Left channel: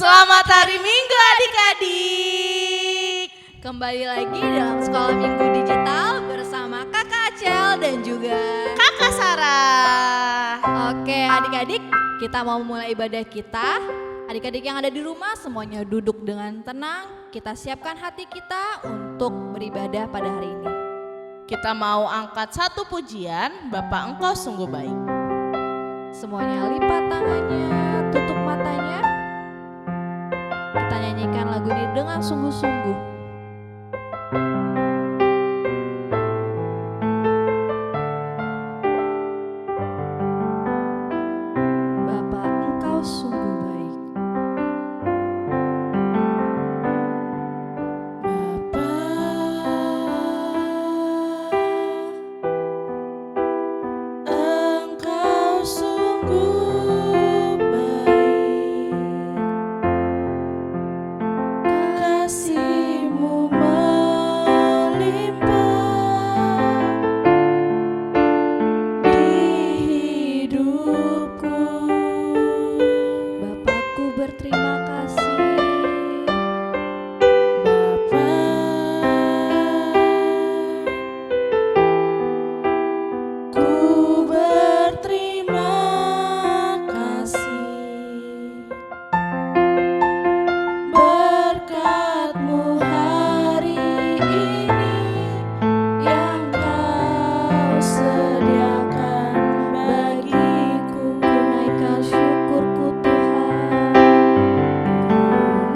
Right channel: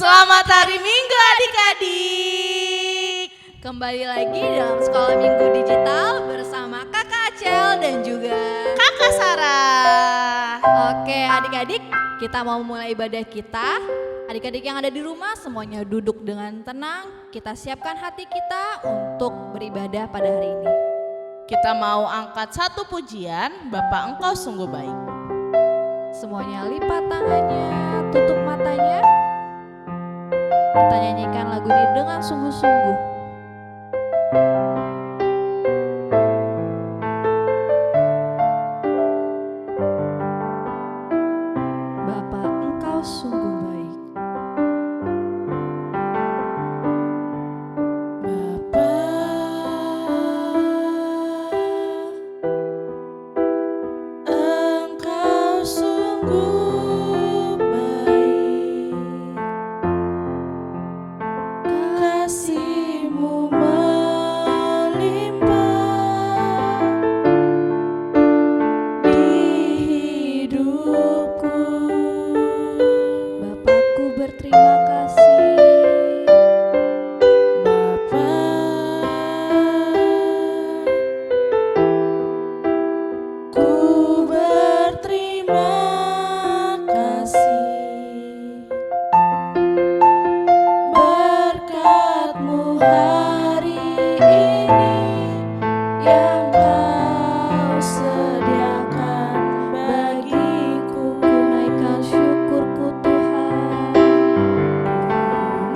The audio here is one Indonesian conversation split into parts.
Selamat hari Minggu adik-adik. Kembali lagi dalam Sekolah Minggu Digital bersama Kakak Acel dan juga Kakak Sarah. Oke adik-adik, kita mau mulai ibadah kita. Adik-adik yang ada di rumah semuanya duduk dengan tenang. Kita siapkan hati kita untuk beribadah pada hari ini. Kita mau angkat satu pujian, Bapak Engkau sungguh baik. Semuanya lipat tangannya, tutup matanya. Kita nyanyikan lagu ini dengan sungguh-sungguh. Bapa, Engkau sungguh baik. Bapa, Engkau sungguh baik. Kasih-Mu melimpah di hidupku. Bapakku berterima kasih. Bapa, ku berterima kasih. Berkat-Mu hari ini yang Kau sediakan bagiku. Ku naikkan syukurku Tuhan.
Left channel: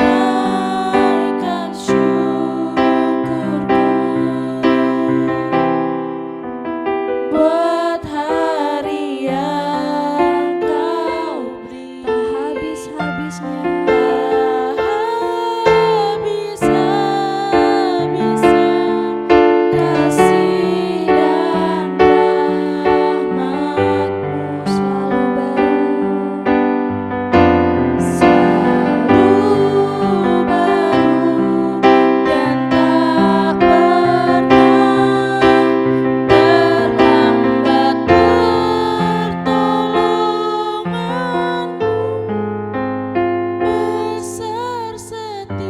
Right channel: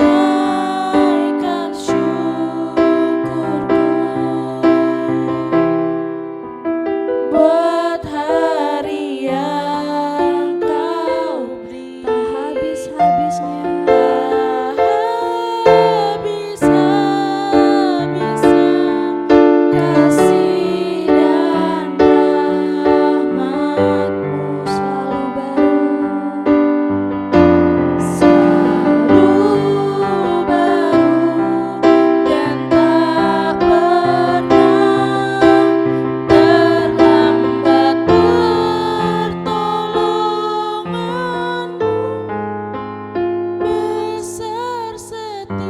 Naikkan syukurku buat hari yang Kau beri. Tak habis-habisnya. Tak habis-habisnya kasih dan rahmat-Mu Selalu baru. selalu baru dan tak pernah terlambat pertolongan-Mu. Besar setiamu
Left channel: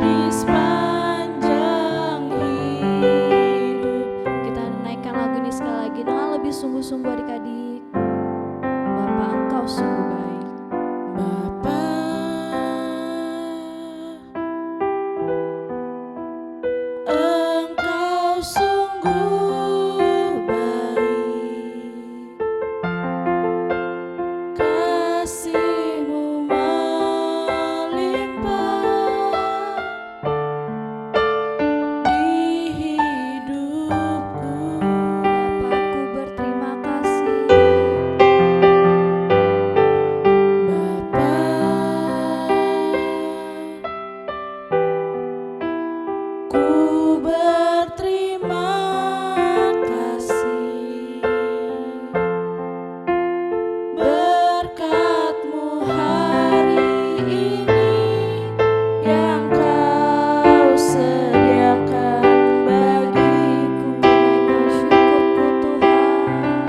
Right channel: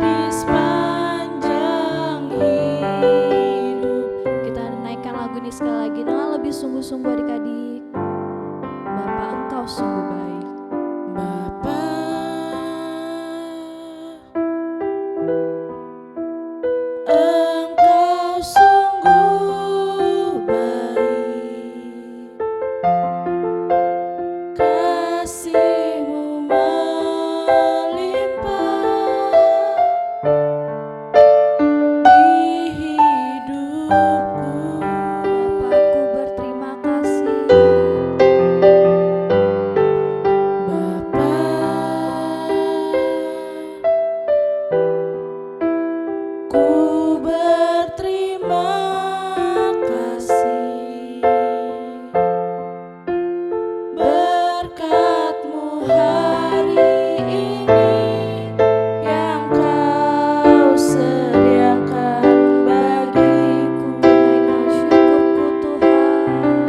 di sepanjang hidup. Kita naikkan lagu ini sekali lagi dengan lebih sungguh-sungguh adik-adik. Bapa, Engkau sungguh baik. Bapa, Engkau sungguh baik. Kasih-Mu melimpah di hidupku. Bapakku berterima kasih. Bapa, ku berterima kasih. Berkat-Mu hari ini yang Kau sediakan bagiku. Naikkan syukurku Tuhan.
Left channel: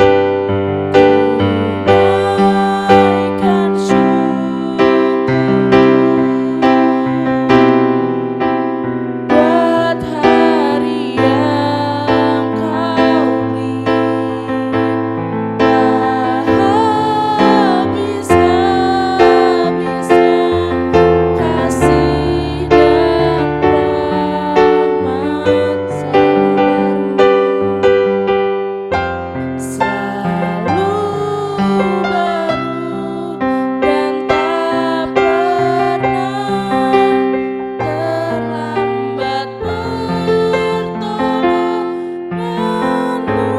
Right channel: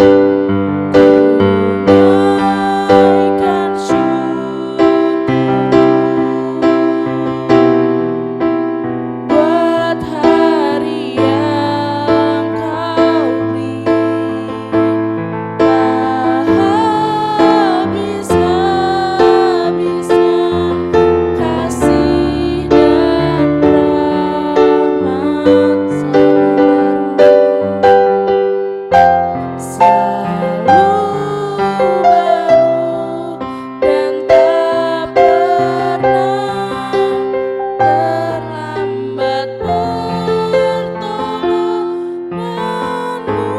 Naikkan syukurku buat hari yang Kau beri. Tak habis-habisnya kasih dan rahmat selalu baru dan tak pernah terlambat pertolongan-Mu.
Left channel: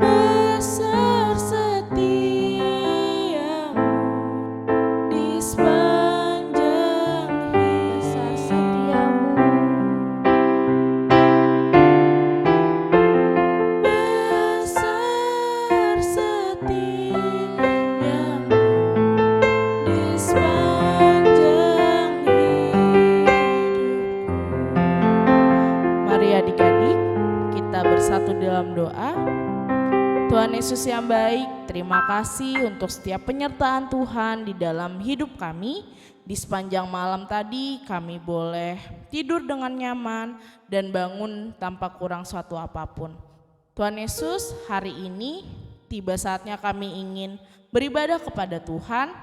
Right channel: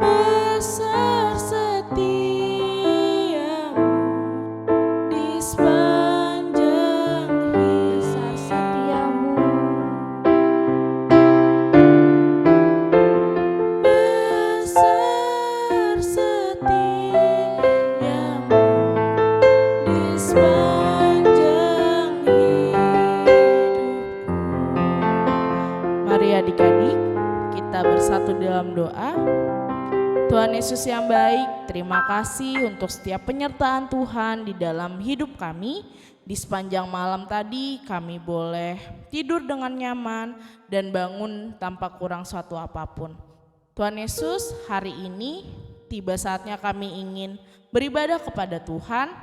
Besar setiamu di sepanjang Besar hidup. setiamu. Besar setiamu di sepanjang hidupku. Mari adik-adik, kita bersatu dalam doa. Tuhan Yesus yang baik, terima kasih untuk setiap penyertaan Tuhan di dalam hidup kami. Di sepanjang malam tadi kami boleh tidur dengan nyaman dan bangun tanpa kurang suatu apapun. Tuhan Yesus, hari ini tiba saatnya kami ingin beribadah kepada Tuhan.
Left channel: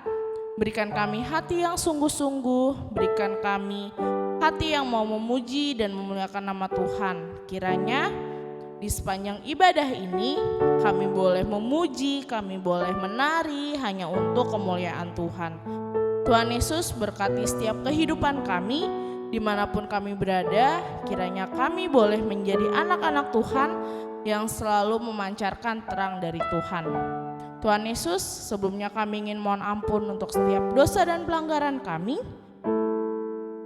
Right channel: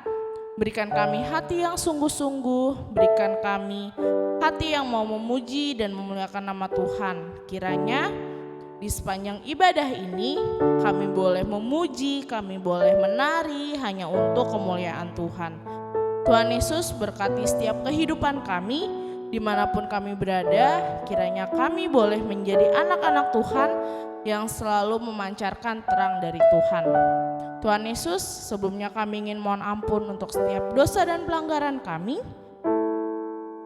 Berikan kami hati yang sungguh-sungguh, berikan kami hati yang mau memuji dan memuliakan nama Tuhan. Kiranya di sepanjang ibadah ini kami boleh memuji, kami boleh menari hanya untuk kemuliaan Tuhan. Tuhan Yesus berkati setiap kehidupan kami, dimanapun kami berada, kiranya kami boleh menjadi anak-anak Tuhan yang selalu memancarkan terang dari Tuhan. Tuhan Yesus, sebelumnya kami ingin mohon ampun untuk setiap dosa dan pelanggaran kami.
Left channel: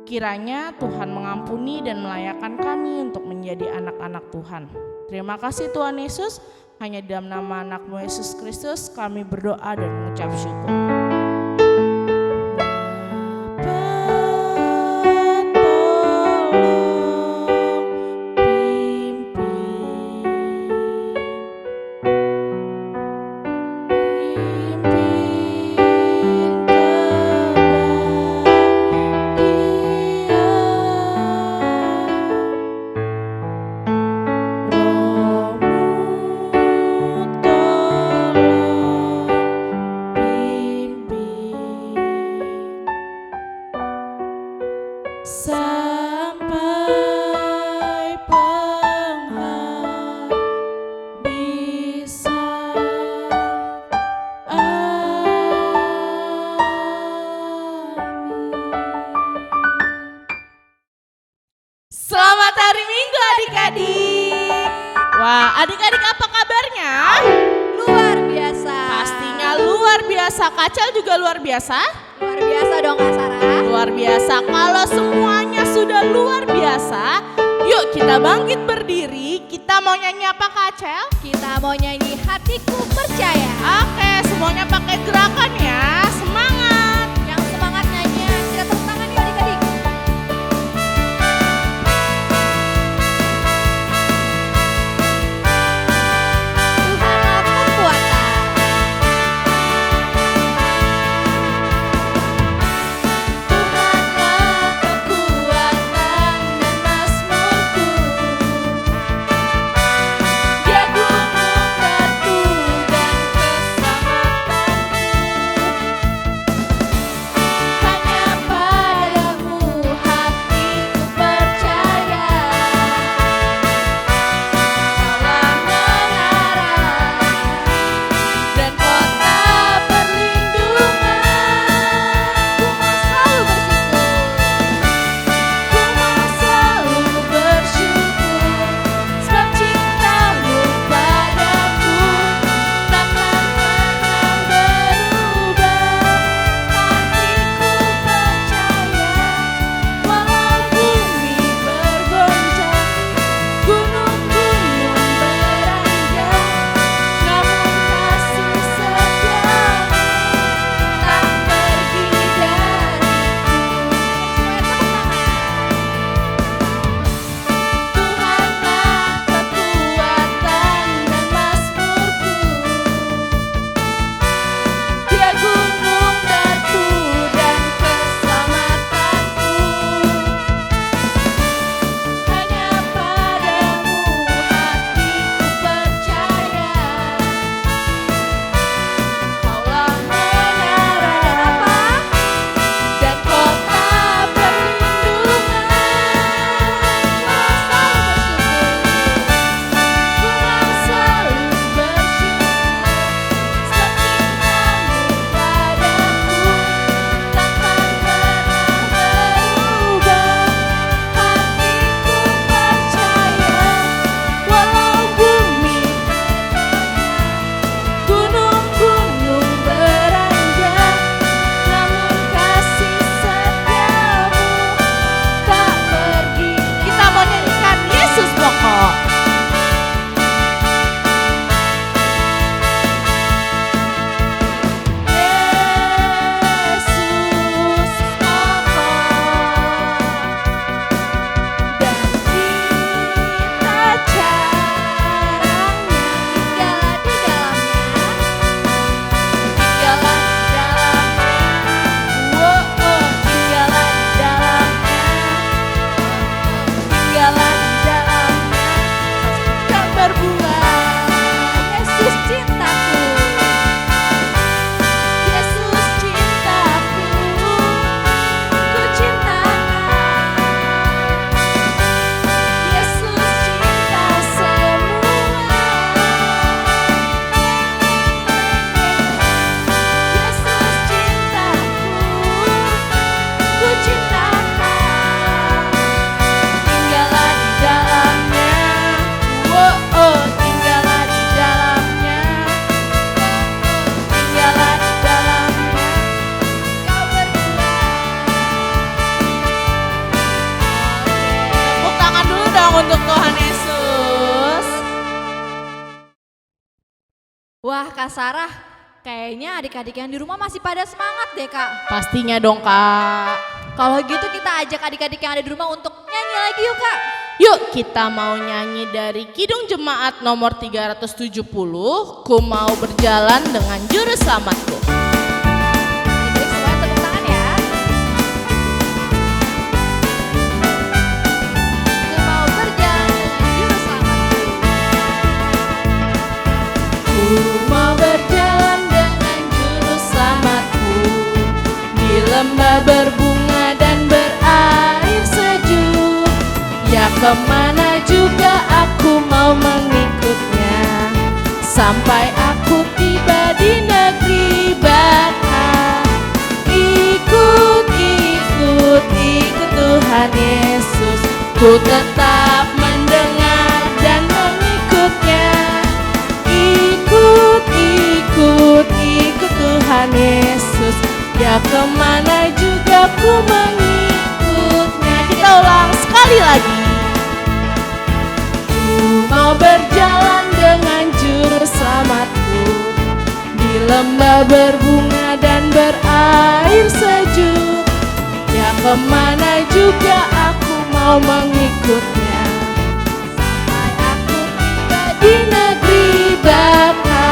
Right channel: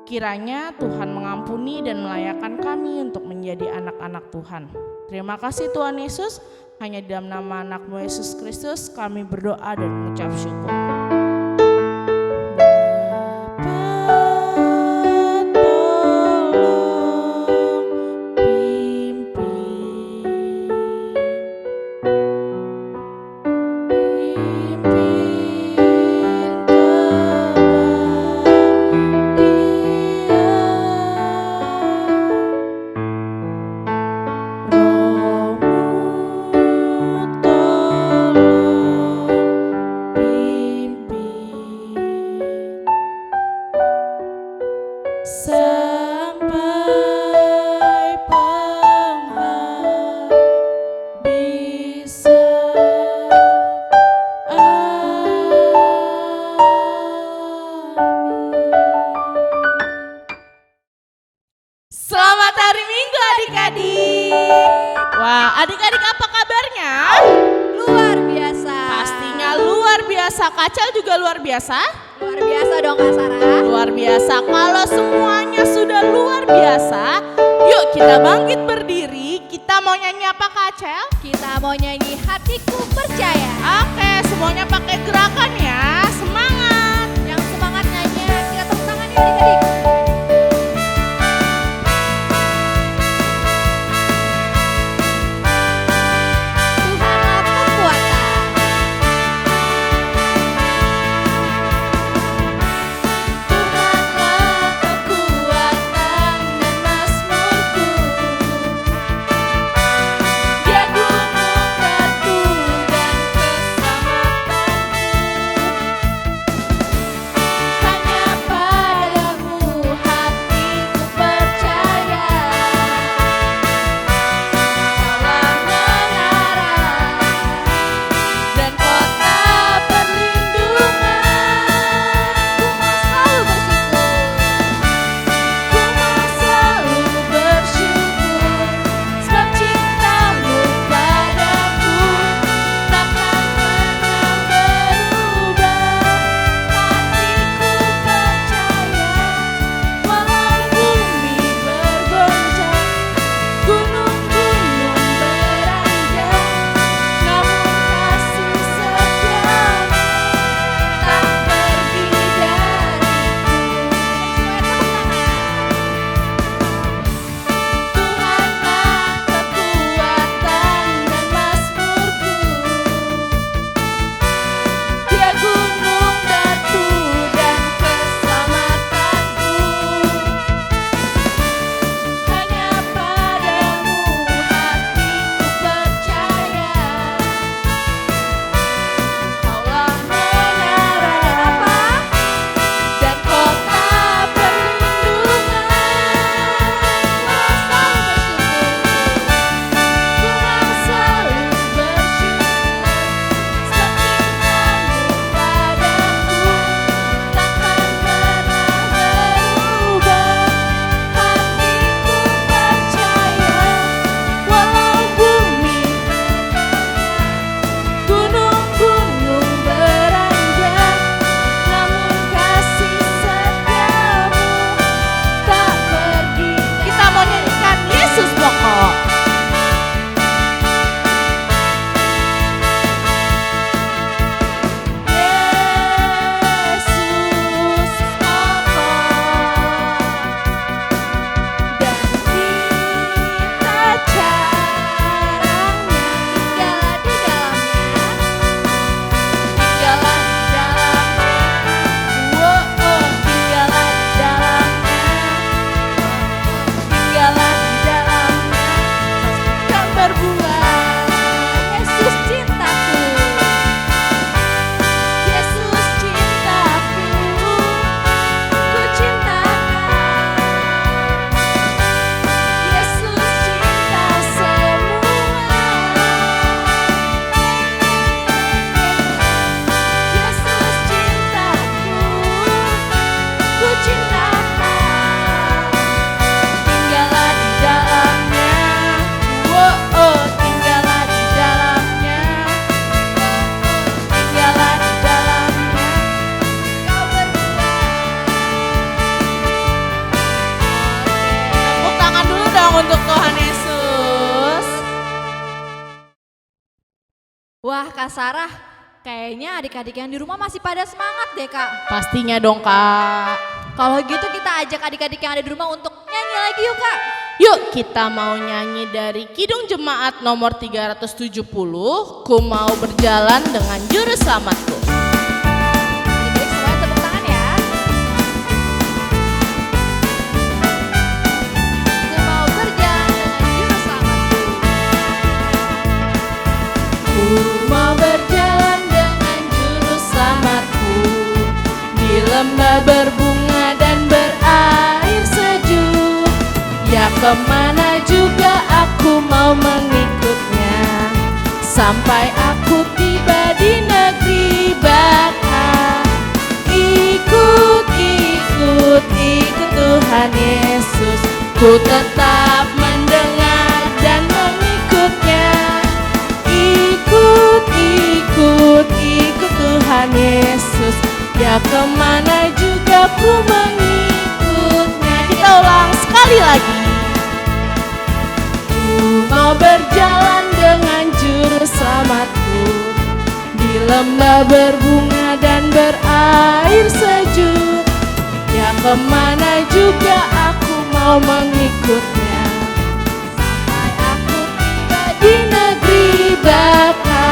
Kiranya Tuhan mengampuni dan melayakkan kami untuk menjadi anak-anak Tuhan. Terima kasih Tuhan Yesus, hanya dalam nama anak-Mu Yesus Kristus kami berdoa dan mengucap syukur. Sampai penghabisan. Amin. Selamat hari Minggu adik-adik. Wah, adik-adik apa kabarnya? Luar biasa. Pastinya luar biasa. Kacel juga luar biasa? Luar biasa dong Kak Sarah. Luar biasa. Kalau semuanya sudah luar biasa, yuk kita bangkit berdiri. Kita mau nyanyi apa Kacel? Kita mau nyanyi Hatiku Percaya. Oke, semuanya pakai gerakan ya. Semangat. Yang semangat nyanyi, kita tepuk tangan yuk adik-adik. Tuhanlah kekuatan. Tuhanlah kekuatan dan mazmurku. Dia gunung batu dan keselamatanku. Wah Kak Sarah, kayaknya adik-adik yang di rumah masih pada semangat deh Kak. Pastinya dong Kak. Kalau gitu kita ajak adik-adik yang ada di rumah untuk nyanyi lagi yuk Kak. Yuk kita mau nyanyi dari Kidung Jemaat nomor 370, Ku Mau Berjalan Dengan Juru Selamatku. Adik-adik semuanya tepuk tangan ya. Ku mau berjalan dengan juru selamatku. Ku mau berjalan dengan juru selamatku di lembah berbunga dan berair sejuk. Ya kemana juga aku mau mengikutnya, sampai aku tiba di negeri baka. Ikut, ikut, ikut Tuhan Yesus, ku tetap mendengar dan mengikutnya. Ikut, ikut, ikut Tuhan Yesus, ya kemana juga ku mengikutnya. Kita ulang sekali lagi. Ku mau berjalan dengan juru selamatku di lembah berbunga dan berair sejuk. Ya kemana juga aku mau mengikutnya, sampai aku tiba di negeri baka.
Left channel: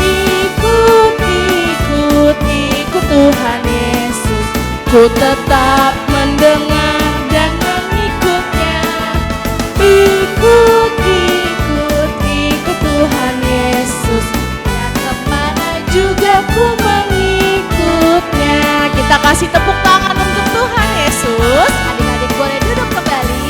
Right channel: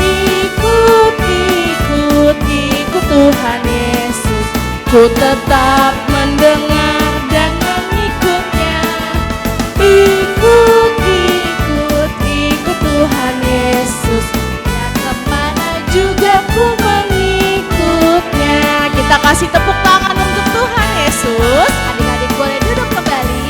Ikut, ikut, ikut Tuhan Yesus, ku tetap mendengar dan mengikutnya. Ikut, ikut, ikut Tuhan Yesus, ya kemana juga ku mengikutnya. Kita kasih tepuk tangan untuk Tuhan Yesus. Adik-adik boleh duduk kembali.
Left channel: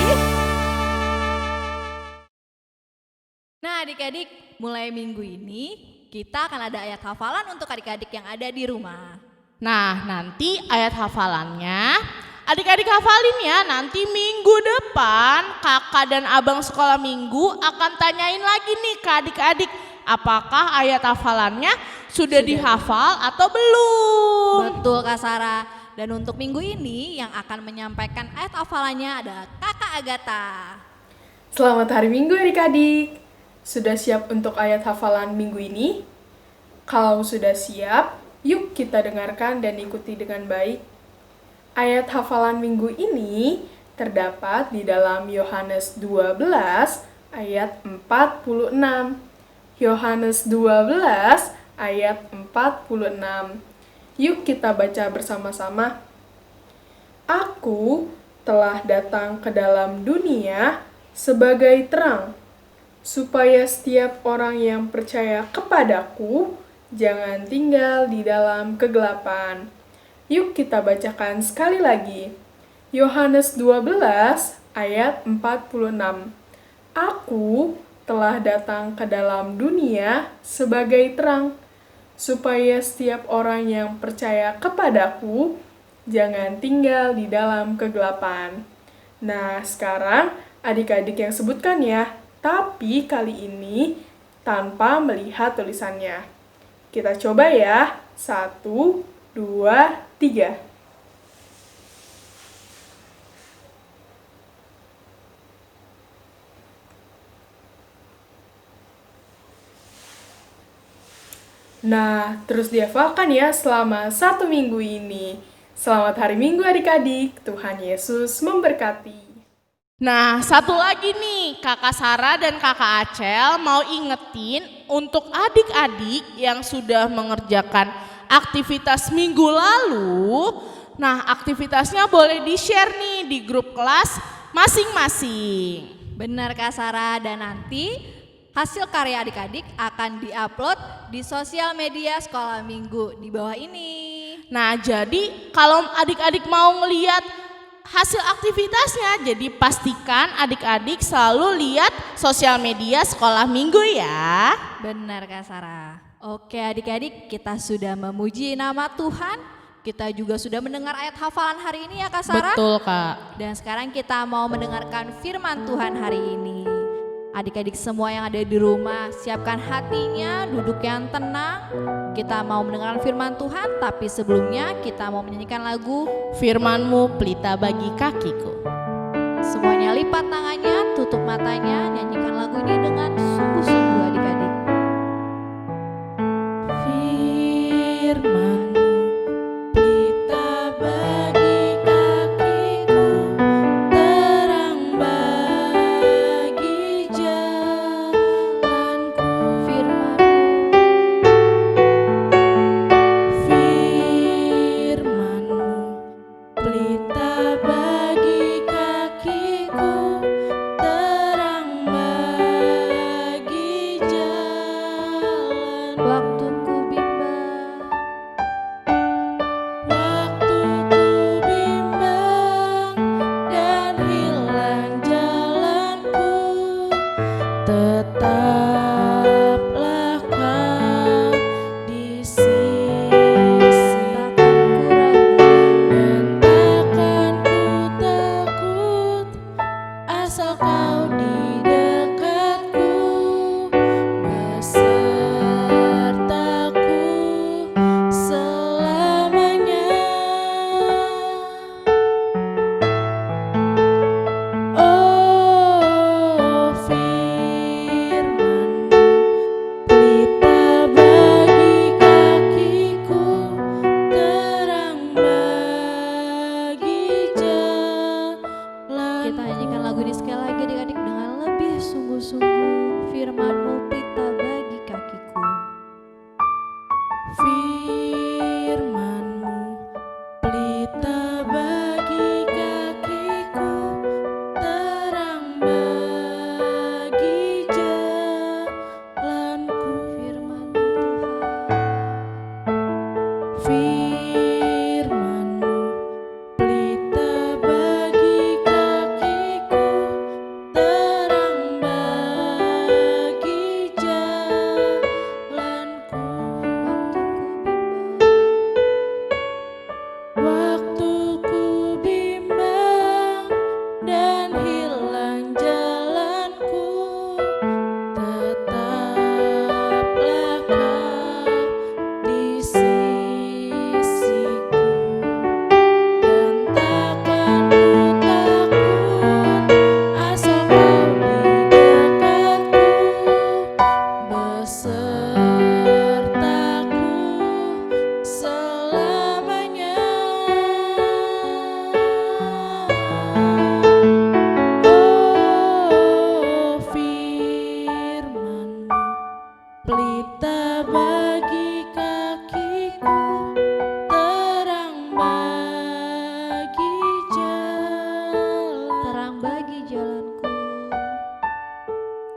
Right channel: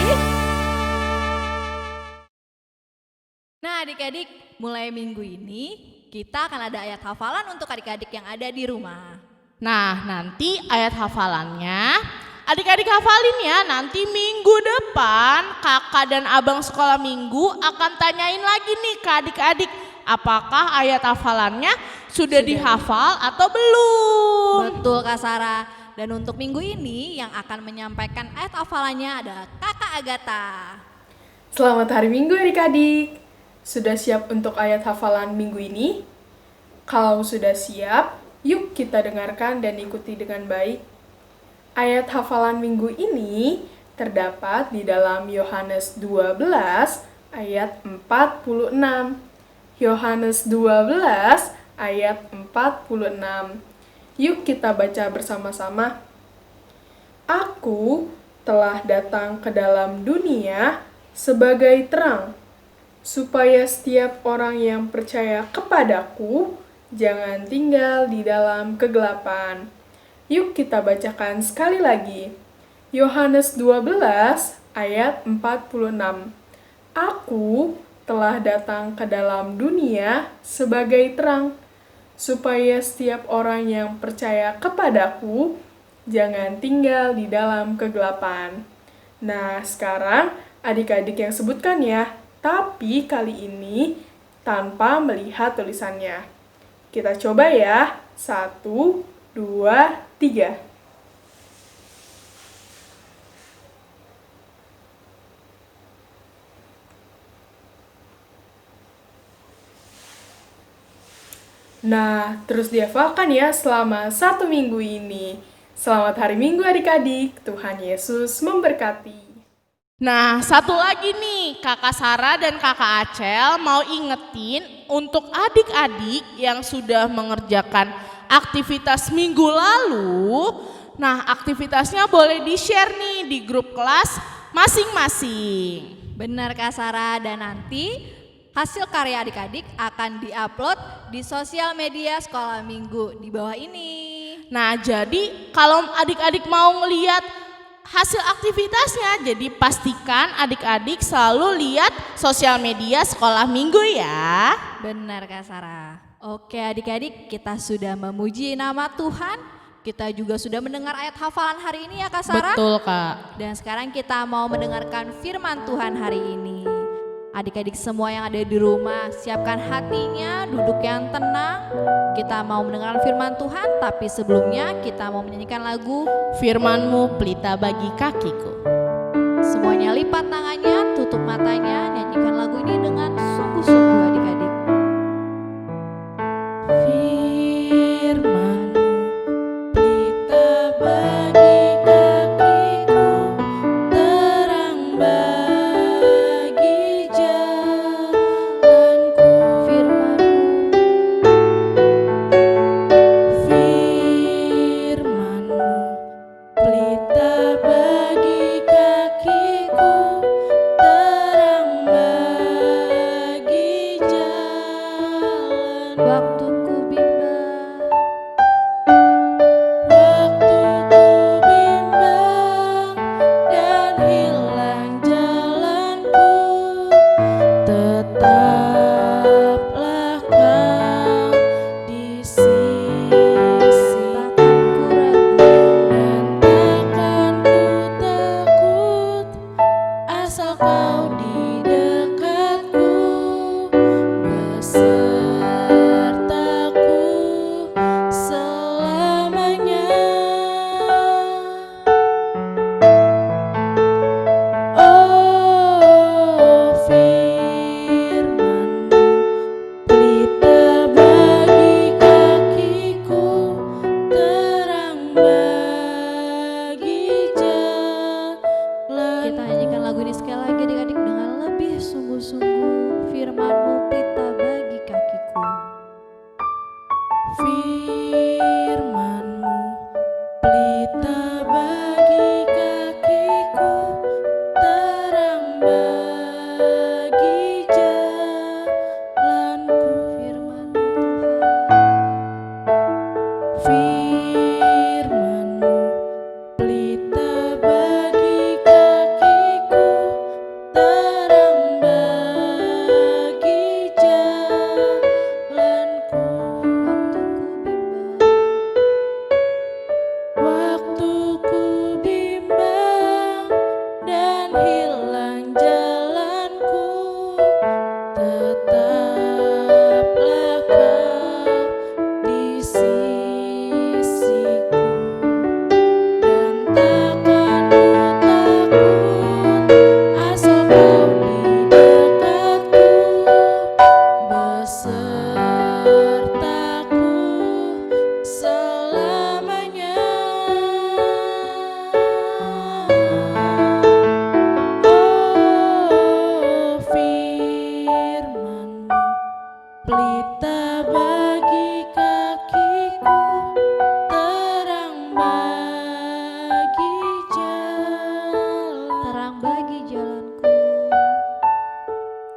Nah adik-adik, mulai minggu ini kita akan ada ayat hafalan untuk adik-adik yang ada di rumah. Nah, nanti ayat hafalannya adik-adik hafalin ya. Nanti minggu depan kakak dan abang sekolah minggu akan tanyain lagi nih ke adik-adik, apakah ayat hafalannya sudah dihafal atau belum. Betul Kak Sarah. Dan untuk minggu ini yang akan menyampaikan ayat hafalannya adalah Kakak Agatha. Selamat hari Minggu adik-adik. Sudah siap untuk ayat hafalan minggu ini? Kalau sudah siap, yuk kita dengarkan dan ikuti dengan baik. Ayat hafalan minggu ini terdapat di dalam Yohanes 12 ayat 46. Yohanes 12 ayat 46. Yuk kita baca bersama-sama. Aku telah datang ke dalam dunia sebagai terang, supaya setiap orang yang percaya kepadaku jangan tinggal di dalam kegelapan. Yuk kita bacakan sekali lagi. Yohanes 12 ayat 46. Aku telah datang ke dalam dunia sebagai terang, supaya setiap orang yang percaya kepadaku jangan tinggal di dalam kegelapan. Nah, sekarang adik-adik yang sebutkan ya, tapi kali ini tanpa melihat tulisannya. Kita coba ya. 1, 2, 3. Nah, terus dihafalkan ya selama 1 minggu ini. Selamat hari Minggu adik-adik. Tuhan Yesus memberkati. Nah, satu lagi nih, Kakak Sarah dan Kakak Acel mau ingetin untuk adik-adik yang sudah mengerjakan aktivitas minggu lalu. Nah, aktivitasnya boleh di-share nih di grup kelas masing-masing. Benar Kak Sarah, dan nanti hasil karya adik-adik akan diupload di sosial media sekolah minggu di bawah ini. Nah, jadi kalau adik-adik mau ngeliat hasil aktivitasnya, jadi pastikan adik-adik selalu lihat sosial media sekolah minggu ya. Benar Kak Sarah. Oke adik-adik, kita sudah memuji nama Tuhan. Kita juga sudah mendengar ayat hafalan hari ini ya Kak Sarah. Betul Kak. Dan sekarang kita mau mendengarkan firman Tuhan hari ini. Adik-adik semua yang ada di rumah, siapkan hatinya, duduk yang tenang. Kita mau mendengarkan firman Tuhan, tapi sebelumnya kita mau menyanyikan lagu Firman-Mu pelita bagi kakiku. Semuanya lipat tangannya, tutup matanya, nyanyikan lagu ini dengan sungguh-sungguh adik-adik. firman-Mu pelita bagi kakiku. Firman-Mu pelita bagi kakiku, terang bagi jalanku. Firman-Mu Tuhan. Firman-Mu pelita bagi kakiku, terang bagi jalanku. Waktu ku bimbang dan hilang jalanku, tetaplah Kau di sisiku, dan takkan ku takut asal Kau di dekatku, besertaku selamanya. Oh, firman-Mu pelita bagi kakiku, terang bagi jalan, Terang bagi jalanku.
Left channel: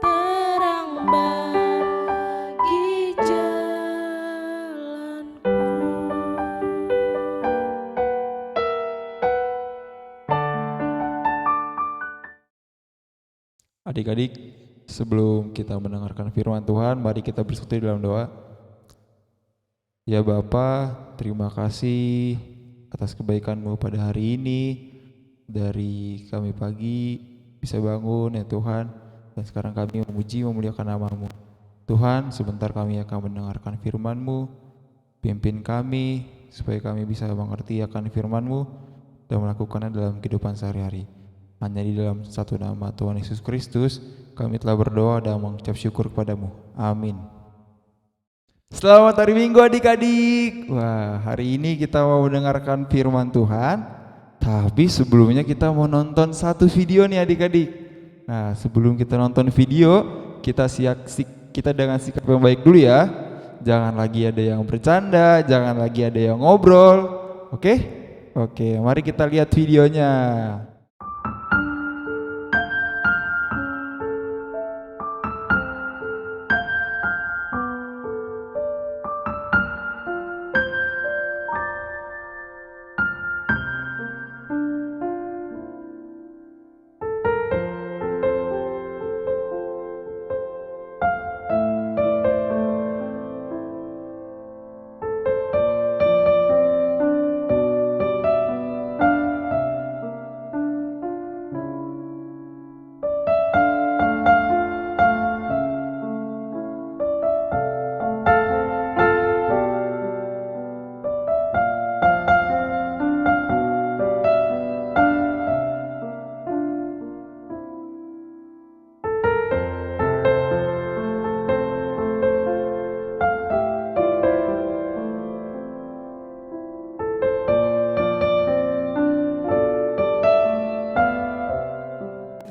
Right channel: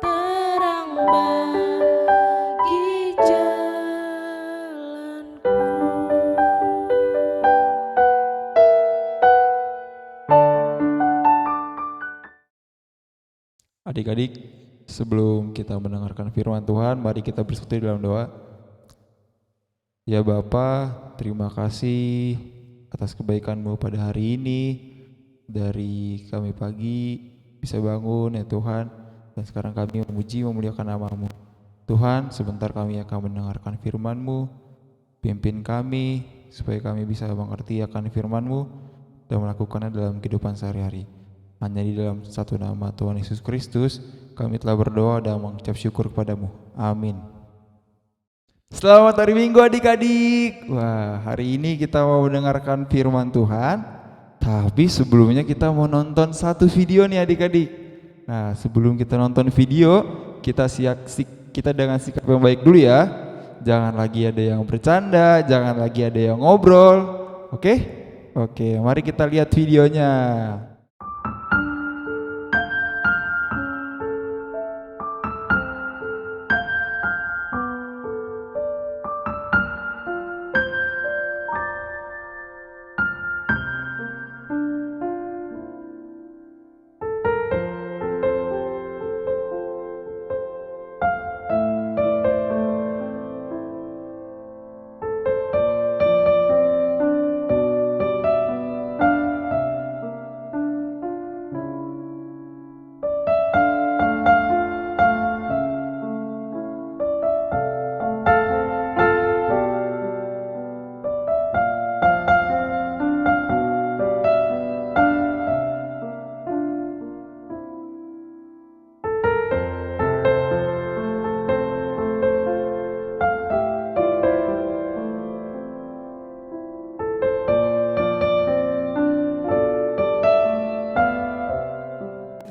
terang bagi jalanku. Adik-adik, sebelum kita mendengarkan firman Tuhan, mari kita bersekutu dalam doa. Ya Bapa, terima kasih atas kebaikan-Mu pada hari ini. Dari kami pagi bisa bangun ya Tuhan, dan sekarang kami memuji memuliakan nama-Mu. Tuhan, sebentar kami akan mendengarkan firman-Mu. Pimpin kami supaya kami bisa mengerti akan firman-Mu dan melakukannya dalam kehidupan sehari-hari. Hanya di dalam satu nama Tuhan Yesus Kristus kami telah berdoa dan mengucap syukur kepadamu. Amin. Selamat hari Minggu adik-adik. Wah, hari ini kita mau mendengarkan firman Tuhan. Tapi sebelumnya kita mau nonton satu video nih adik-adik. Nah, sebelum kita nonton video, kita dengan sikap yang baik dulu ya. Jangan lagi ada yang bercanda, jangan lagi ada yang ngobrol. Oke? Oke, mari kita lihat videonya.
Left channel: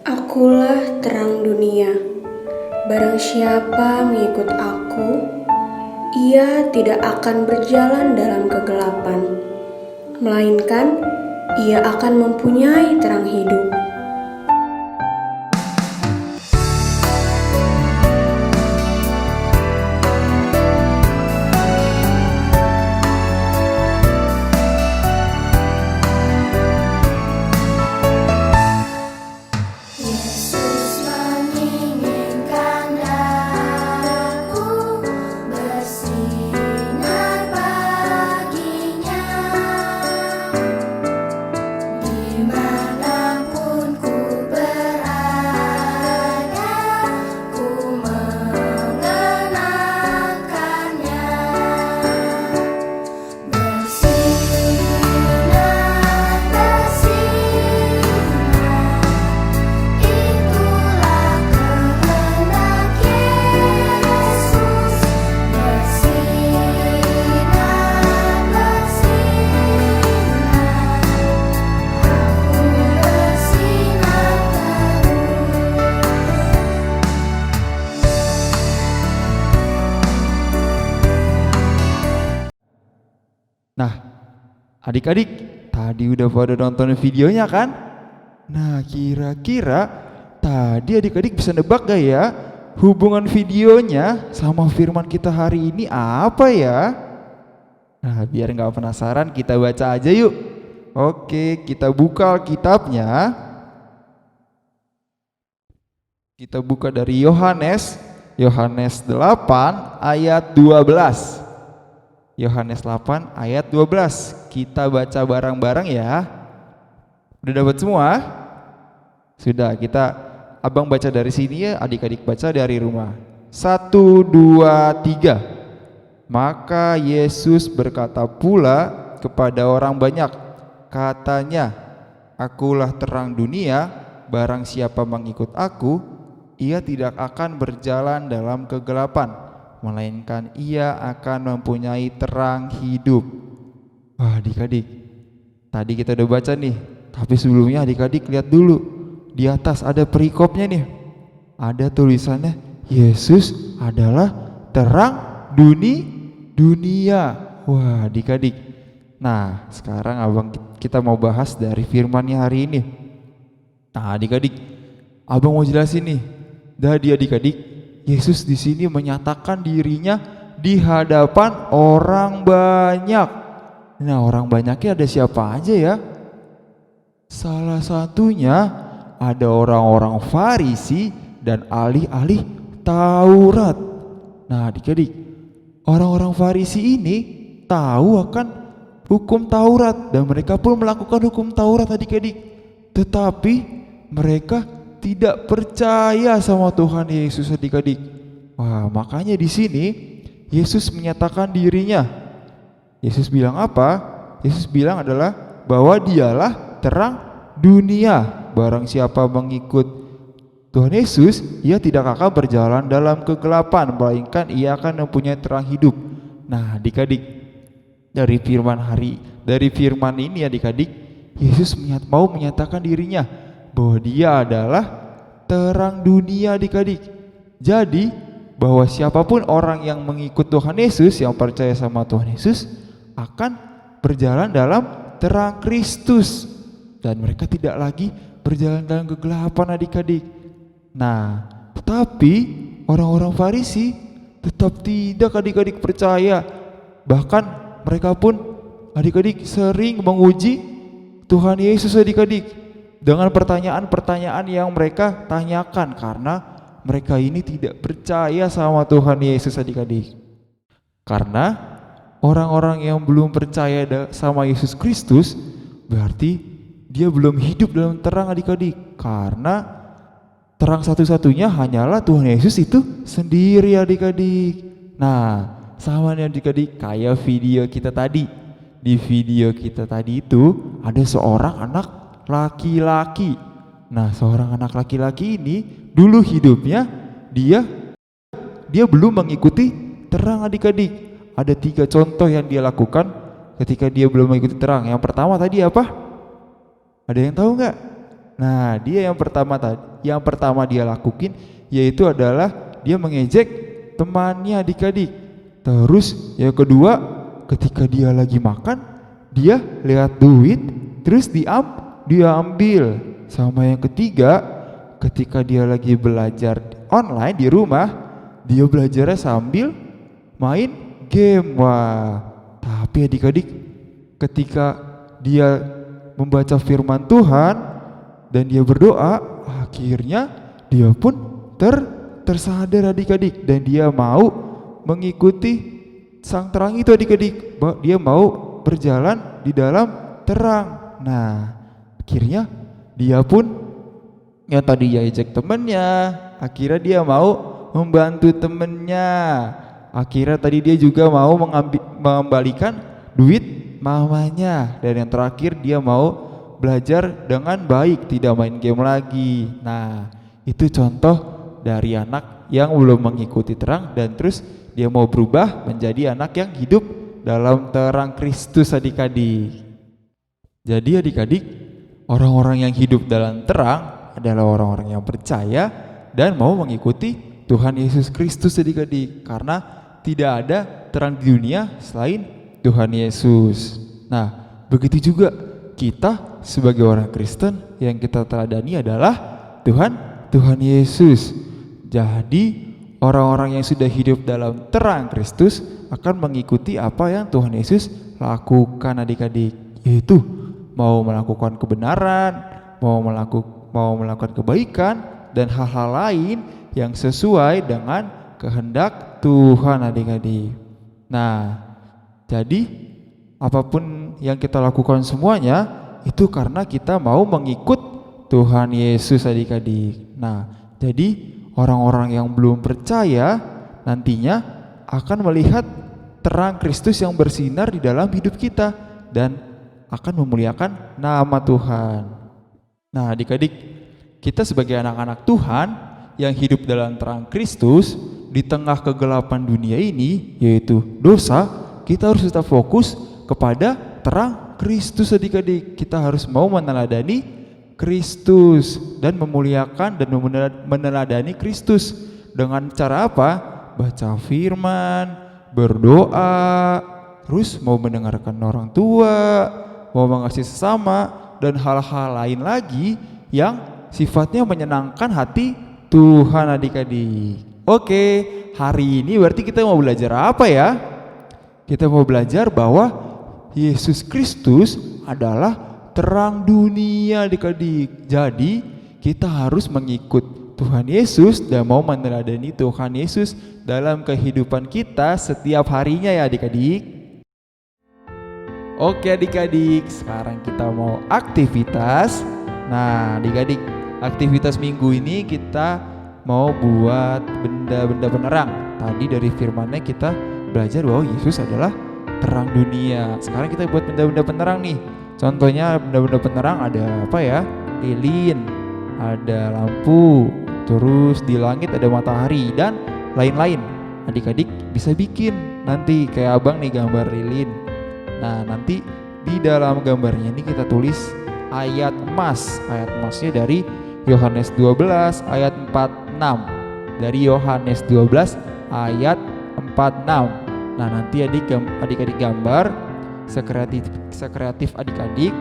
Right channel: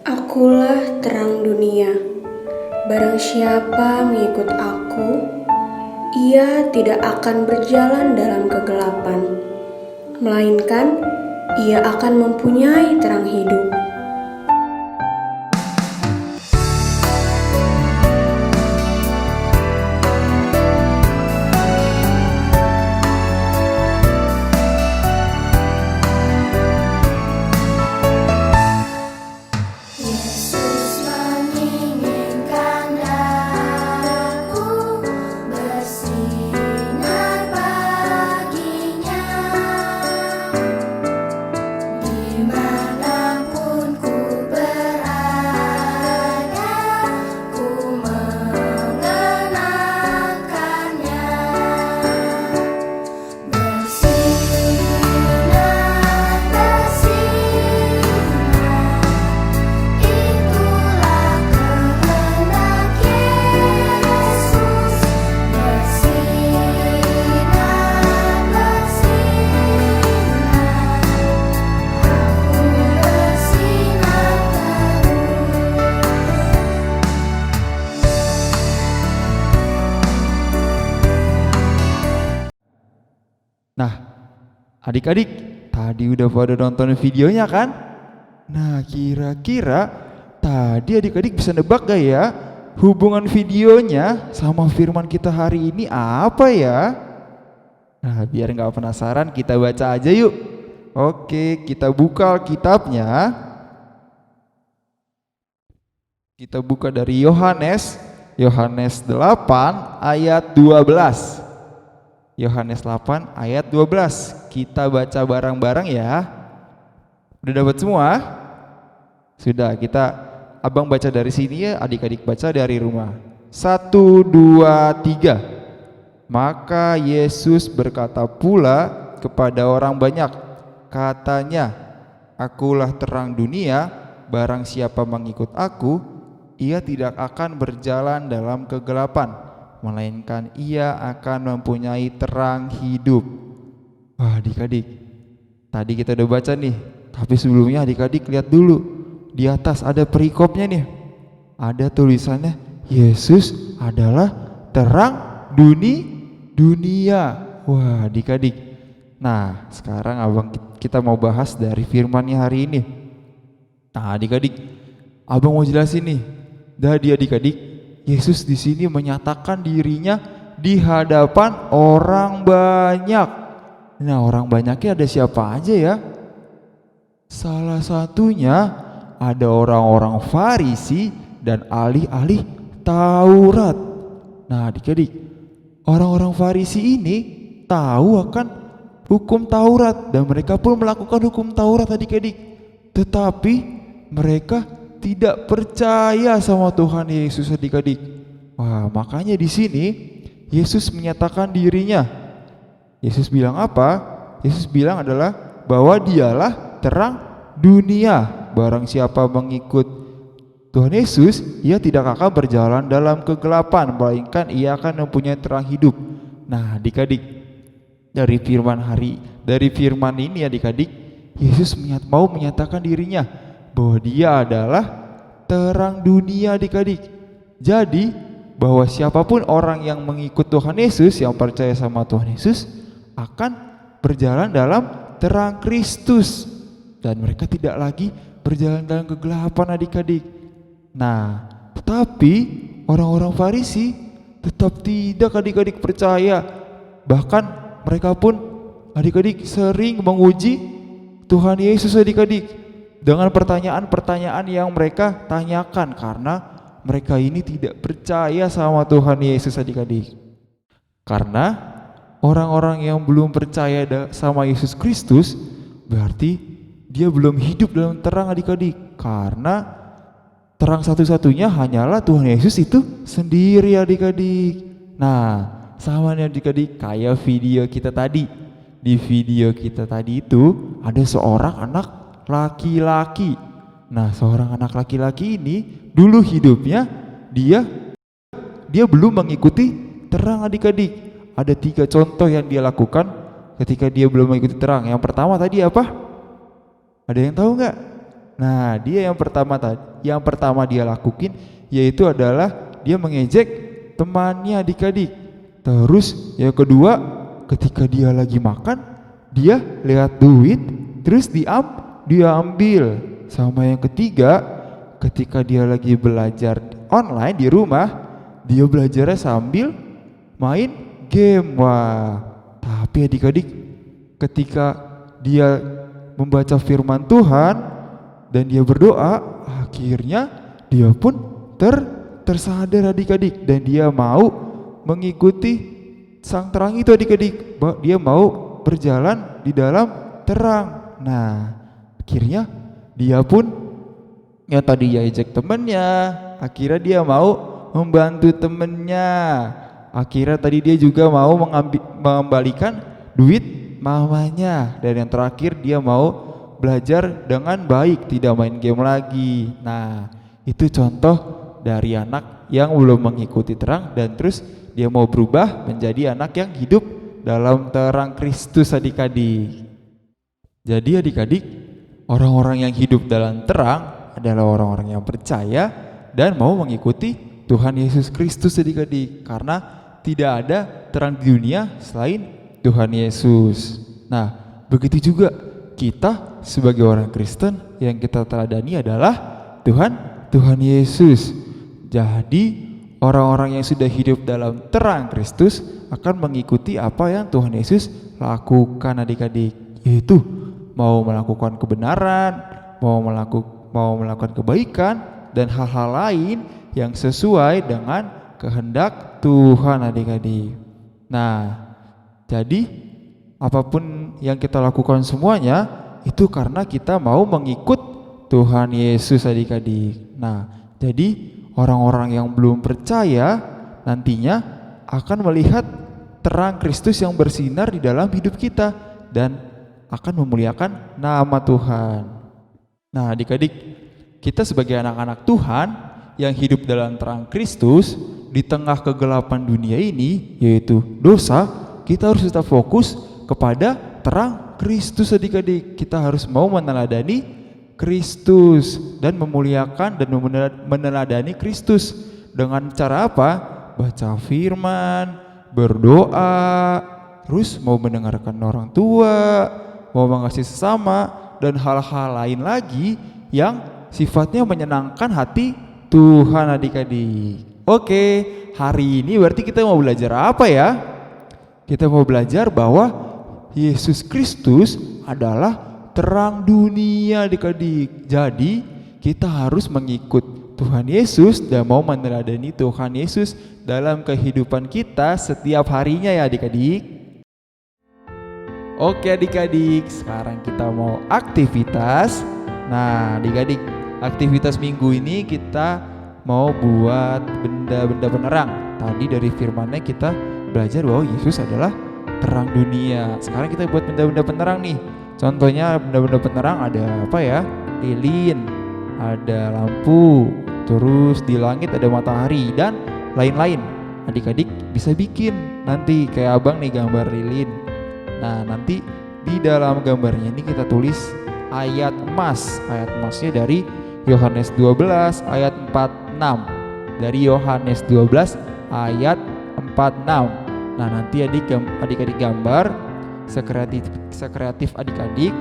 Akulah terang dunia. Barang siapa mengikut aku, ia tidak akan berjalan dalam kegelapan, melainkan ia akan mempunyai terang hidup. Dimanapun Adik-adik, tadi udah pada nonton videonya kan? Nah, kira-kira tadi adik-adik bisa nebak gak ya? Hubungan videonya sama firman kita hari ini apa ya? Nah, biar nggak penasaran, kita baca aja yuk. Oke, kita buka Alkitabnya. Kita buka dari Yohanes 8 ayat 12. Yohanes 8 ayat 12. Kita baca bareng-bareng ya. Udah dapat semua? Sudah, Abang baca dari sini ya, adik-adik baca dari rumah. 1, 2, 3. Maka Yesus berkata pula kepada orang banyak, katanya, akulah terang dunia, barang siapa mengikut aku, ia tidak akan berjalan dalam kegelapan, melainkan ia akan mempunyai terang hidup. Wah, adik-adik, tadi kita udah baca nih, tapi sebelumnya adik-adik lihat dulu. Di atas ada perikopnya nih. Ada tulisannya, Yesus adalah terang dunia. Wah, adik-adik. Nah, sekarang kita mau bahas dari firman-Nya hari ini. Nah, adik-adik, Abang mau jelasin nih. Jadi adik-adik, Yesus di sini menyatakan dirinya di hadapan orang banyak. Nah, orang banyaknya ada siapa aja ya? Salah satunya ada orang-orang Farisi dan ahli-ahli Taurat. Nah, adik-adik, orang-orang Farisi ini tahu akan hukum Taurat dan mereka pun melakukan hukum Taurat, adik-adik. Tetapi mereka tidak percaya sama Tuhan Yesus, adik-adik. Wah, makanya di sini Yesus menyatakan dirinya. Yesus bilang apa? Yesus bilang adalah bahwa dialah terang dunia. Barang siapa mengikut Tuhan Yesus, ia tidak akan berjalan dalam kegelapan, melainkan ia akan mempunyai terang hidup. Nah, adik-adik, dari firman ini adik-adik, Yesus mau menyatakan dirinya bahwa dia adalah terang dunia, adik-adik. Jadi, bahwa siapapun orang yang mengikut Tuhan Yesus, yang percaya sama Tuhan Yesus, akan berjalan dalam terang Kristus. Dan mereka tidak lagi berjalan dalam kegelapan, adik-adik. Nah, tetapi orang-orang Farisi tetap tidak, adik-adik, percaya. Bahkan mereka pun, adik-adik, sering menguji Tuhan Yesus, adik-adik, dengan pertanyaan-pertanyaan yang mereka tanyakan karena mereka ini tidak percaya sama Tuhan Yesus, adik-adik. Karena orang-orang yang belum percaya sama Yesus Kristus berarti dia belum hidup dalam terang, adik-adik. Karena terang satu-satunya hanyalah Tuhan Yesus itu sendiri, adik-adik. Nah, sama nih adik-adik, kayak video kita tadi. Di video kita tadi itu ada seorang anak laki-laki. Nah, seorang anak laki-laki ini dulu hidupnya dia belum mengikuti terang, adik-adik. Ada 3 contoh yang dia lakukan ketika dia belum mengikuti terang. Yang pertama tadi apa? Ada yang tahu nggak? Nah, dia yang pertama dia lakuin yaitu adalah dia mengejek temannya, adik-adik. Terus yang kedua, ketika dia lagi makan, dia lihat duit, terus dia ambil. Sama yang ketiga, ketika dia lagi belajar online di rumah, dia belajarnya sambil main game. Wah, tapi adik-adik, ketika dia membaca firman Tuhan dan dia berdoa, akhirnya dia pun tersadar, adik-adik, dan dia mau mengikuti sang terang itu, adik-adik. Dia mau berjalan di dalam terang. Nah, akhirnya dia pun yang tadi ya ejek temennya, akhirnya dia mau membantu temennya. Akhirnya tadi dia juga mau mengembalikan duit mamanya. Dan yang terakhir dia mau belajar dengan baik, tidak main game lagi. Nah, itu contoh dari anak yang belum mengikuti terang dan terus dia mau berubah menjadi anak yang hidup dalam terang Kristus, adik-adik. Jadi adik-adik, orang-orang yang hidup dalam terang adalah orang-orang yang percaya dan mau mengikuti Tuhan Yesus Kristus, adik-adik. Karena tidak ada terang di dunia selain Tuhan Yesus. Nah, begitu juga kita sebagai orang Kristen yang kita teladani adalah Tuhan Yesus. Jadi orang-orang yang sudah hidup dalam terang Kristus akan mengikuti apa yang Tuhan Yesus lakukan adik-adik, yaitu mau melakukan kebenaran, mau melakukan kebaikan dan hal-hal lain yang sesuai dengan kehendak Tuhan adik-adik. Nah, jadi apapun yang kita lakukan semuanya itu karena kita mau mengikut Tuhan Yesus adik-adik. Nah, jadi orang-orang yang belum percaya nantinya akan melihat terang Kristus yang bersinar di dalam hidup kita dan akan memuliakan nama Tuhan. Nah, adik-adik, kita sebagai anak-anak Tuhan yang hidup dalam terang Kristus di tengah kegelapan dunia ini, yaitu dosa, kita harus tetap fokus kepada terang Kristus adik-adik. Kita harus mau meneladani Kristus dan memuliakan dan meneladani Kristus. Dengan cara apa? Baca firman, berdoa, terus mau mendengarkan orang tua, mau mengasihi sesama, dan hal-hal lain lagi yang sifatnya menyenangkan hati Tuhan adik-adik. Oke, hari ini berarti kita mau belajar apa ya? Kita mau belajar bahwa Yesus Kristus adalah terang dunia adik-adik. Jadi kita harus mengikut Tuhan Yesus dan mau meneladani Tuhan Yesus dalam kehidupan kita setiap harinya ya adik-adik. Oke adik-adik, sekarang kita mau aktivitas. Nah adik-adik, aktivitas minggu ini kita mau buat benda-benda penerang. Tadi dari firman-Nya kita belajar bahwa Yesus adalah terang dunia. Sekarang kita buat benda-benda penerang nih. Contohnya benda-benda penerang ada apa ya? Lilin, ada lampu, terus di langit ada matahari dan lain-lain. Adik-adik bisa bikin nanti kayak abang nih gambar lilin. Nah nanti di dalam gambarnya ini kita tulis ayat emas. Ayat emasnya dari Yohanes 12 ayat 46. Dari Yohanes 12 ayat 46. Nah nanti adik-adik gambar sekreatif adik-adik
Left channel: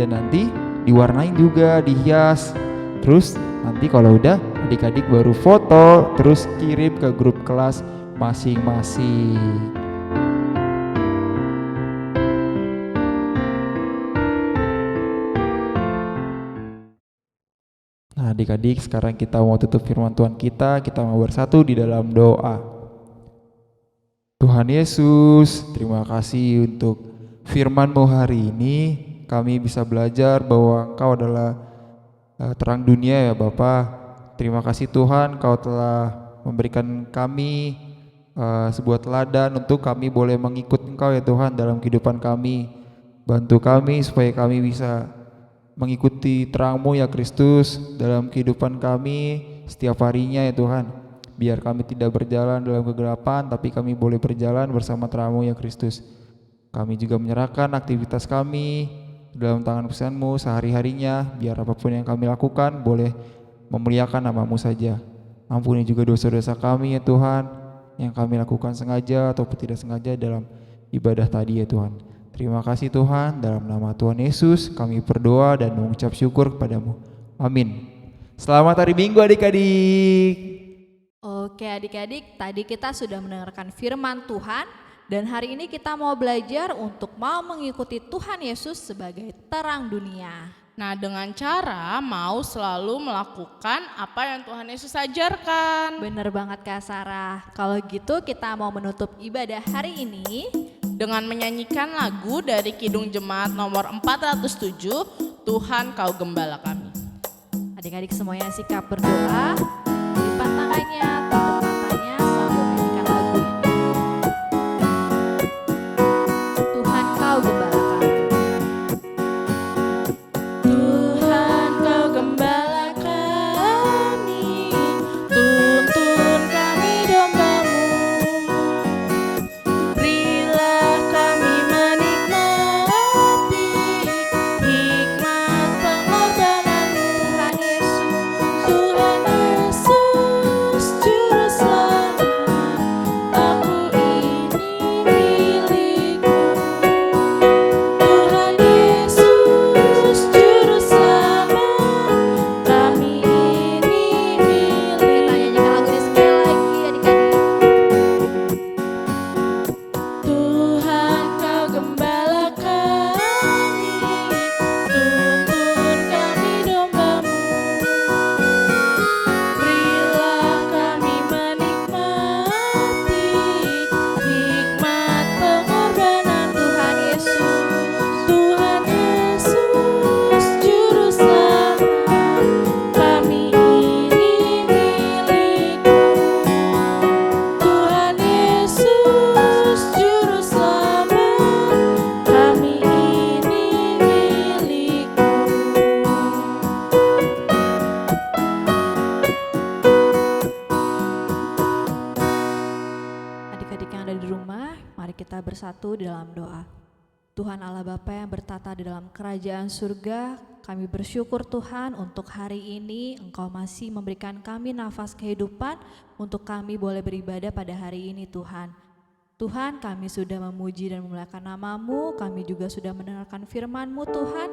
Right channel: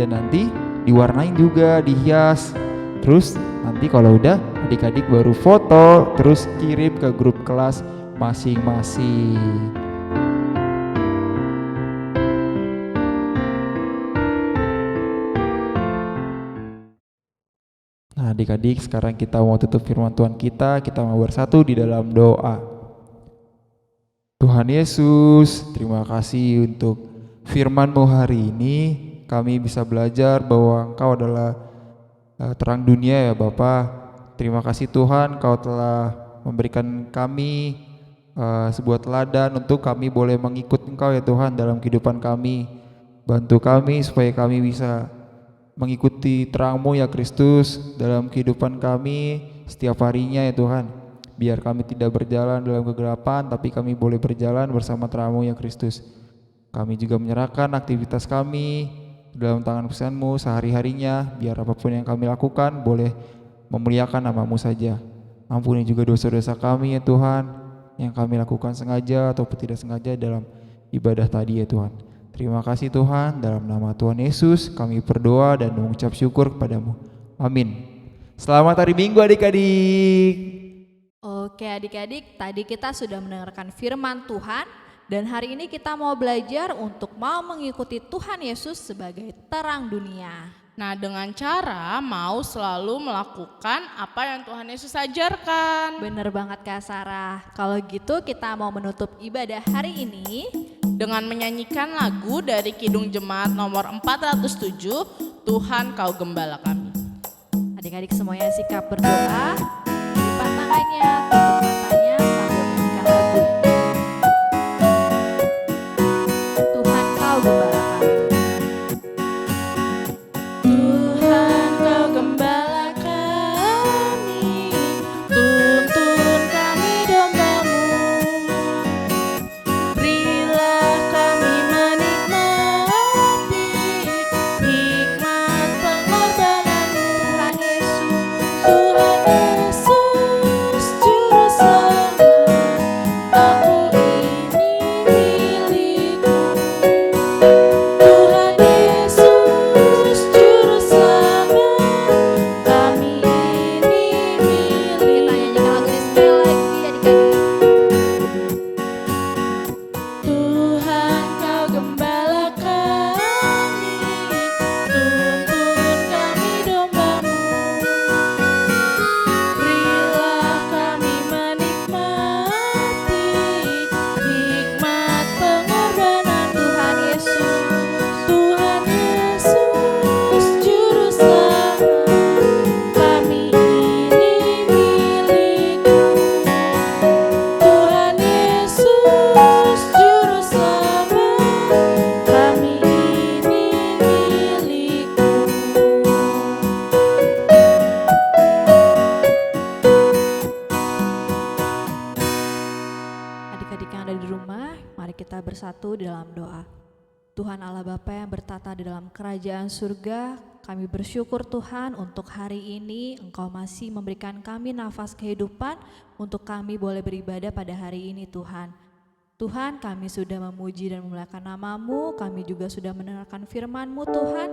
dan nanti diwarnain juga, dihias. Terus nanti kalau udah adik-adik baru foto terus kirim ke grup kelas masing-masing. Nah adik-adik, sekarang kita mau tutup firman Tuhan kita mau bersatu di dalam doa. Tuhan Yesus, terima kasih untuk firman-Mu hari ini. Kami bisa belajar bahwa Engkau adalah terang dunia ya Bapa. Terima kasih Tuhan, Kau telah memberikan kami sebuah teladan untuk kami boleh mengikut Engkau ya Tuhan dalam kehidupan kami. Bantu kami supaya kami bisa mengikuti terang-Mu ya Kristus dalam kehidupan kami setiap harinya ya Tuhan. Biar kami tidak berjalan dalam kegelapan, tapi kami boleh berjalan bersama terang-Mu ya Kristus. Kami juga menyerahkan aktivitas kami dalam tangan pesan-Mu sehari-harinya, biar apapun yang kami lakukan boleh memuliakan nama-Mu saja. Ampuni juga dosa-dosa kami ya Tuhan, yang kami lakukan sengaja ataupun tidak sengaja dalam ibadah tadi ya Tuhan. Terima kasih Tuhan, dalam nama Tuhan Yesus kami berdoa dan mengucap syukur kepada-Mu. Amin. Selamat hari Minggu adik-adik. Oke adik-adik, tadi kita sudah mendengarkan firman Tuhan dan hari ini kita mau belajar untuk mau mengikuti Tuhan Yesus sebagai terang dunia. Nah dengan cara mau selalu melakukan apa yang Tuhan Yesus ajarkan. Bener banget Kak Sarah. Kalau gitu kita mau menutup ibadah hari ini dengan menyanyikan lagu dari Kidung Jemaat nomor 407, Tuhan Kau Gembala Kami. Adik-adik semuanya sikap berdoa, lipat tangannya, tutup matanya sambil menyanyikan lagu ini. Tuhan Kau Gembala Kami. Tuhan Kau Gembala kami, tuntun kami domba-Mu. Berilah kami menikmati hikmat pengorbanan-Mu. Tuhan Yesus, Juru bersatu di dalam doa. Tuhan Allah Bapa yang bertata di dalam kerajaan surga, kami bersyukur Tuhan untuk hari ini Engkau masih memberikan kami nafas kehidupan untuk kami boleh beribadah pada hari ini Tuhan. Tuhan, kami sudah memuji dan memuliakan nama-Mu, kami juga sudah mendengarkan firman-Mu Tuhan.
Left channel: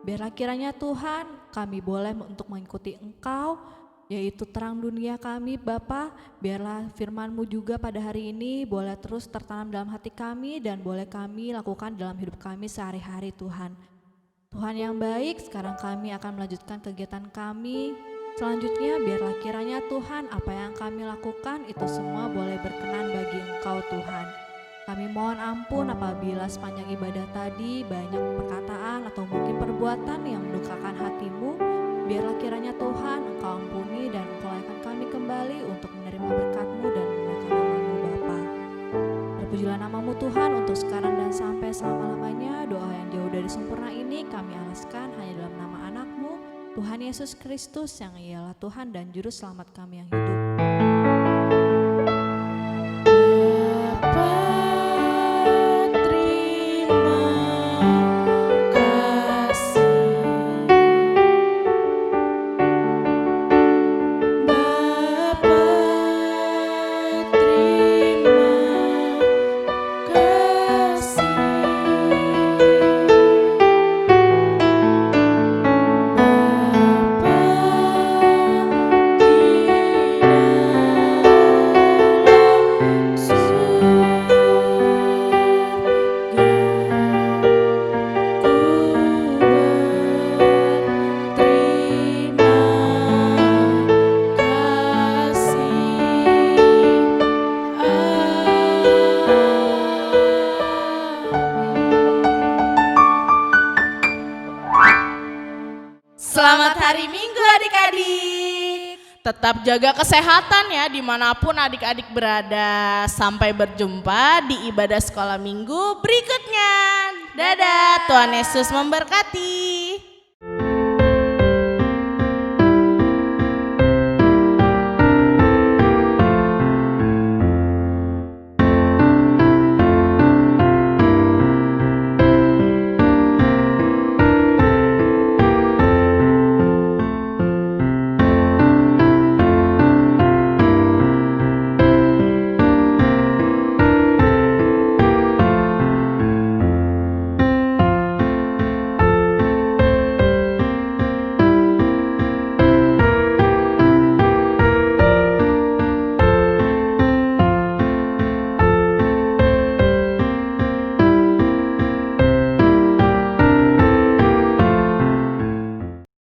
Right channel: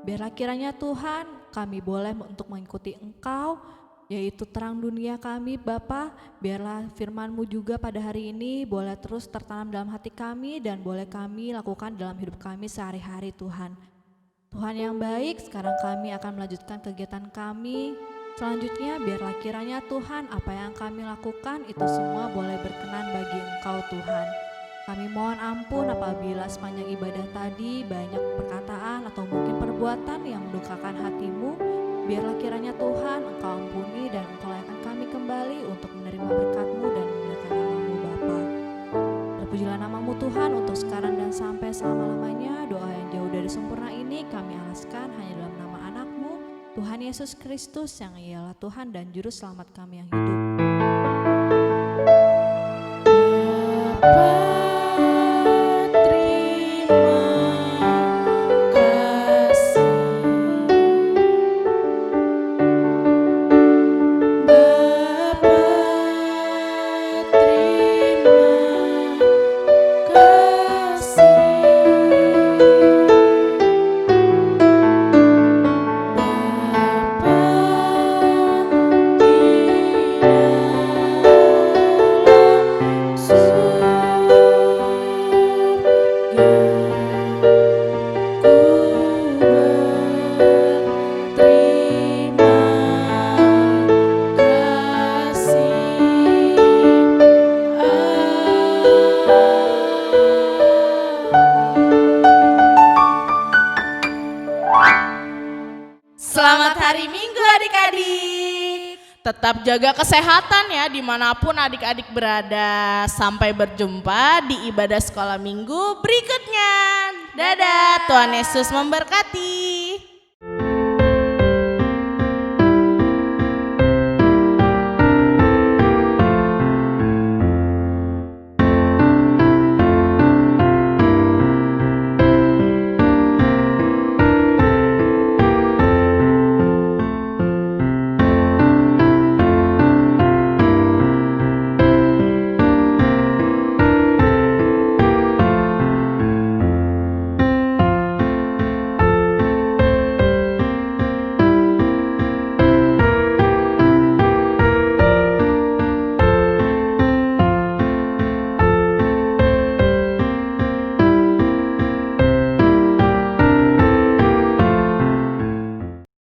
Biarlah kiranya Tuhan kami boleh untuk mengikuti Engkau, yaitu terang dunia kami Bapa. Biarlah firman-Mu juga pada hari ini boleh terus tertanam dalam hati kami dan boleh kami lakukan dalam hidup kami sehari-hari Tuhan. Tuhan yang baik, sekarang kami akan melanjutkan kegiatan kami. Selanjutnya biarlah kiranya Tuhan apa yang kami lakukan itu semua boleh berkenan bagi Engkau Tuhan. Kami mohon ampun apabila sepanjang ibadah tadi banyak perkataan atau mungkin perbuatan yang mendukakan hati-Mu. Biarlah kiranya Tuhan Engkau ampuni dan Engkau layakkan kami kembali untuk menerima berkat-Mu dan memuliakan nama-Mu Bapa. Terpujilah nama-Mu Tuhan untuk sekarang dan sampai selama-lamanya. Doa yang jauh dari sempurna ini kami alaskan hanya dalam nama anak-Mu, Tuhan Yesus Kristus yang ialah Tuhan dan Juru Selamat kami yang hidup. Bapa, terima kasih. Bapa, terima kasih. Selamat hari Minggu adik-adik. Tetap jaga kesehatan ya dimanapun adik-adik berada. Sampai berjumpa di ibadah sekolah minggu berikutnya. Dadah, Tuhan Yesus memberkati.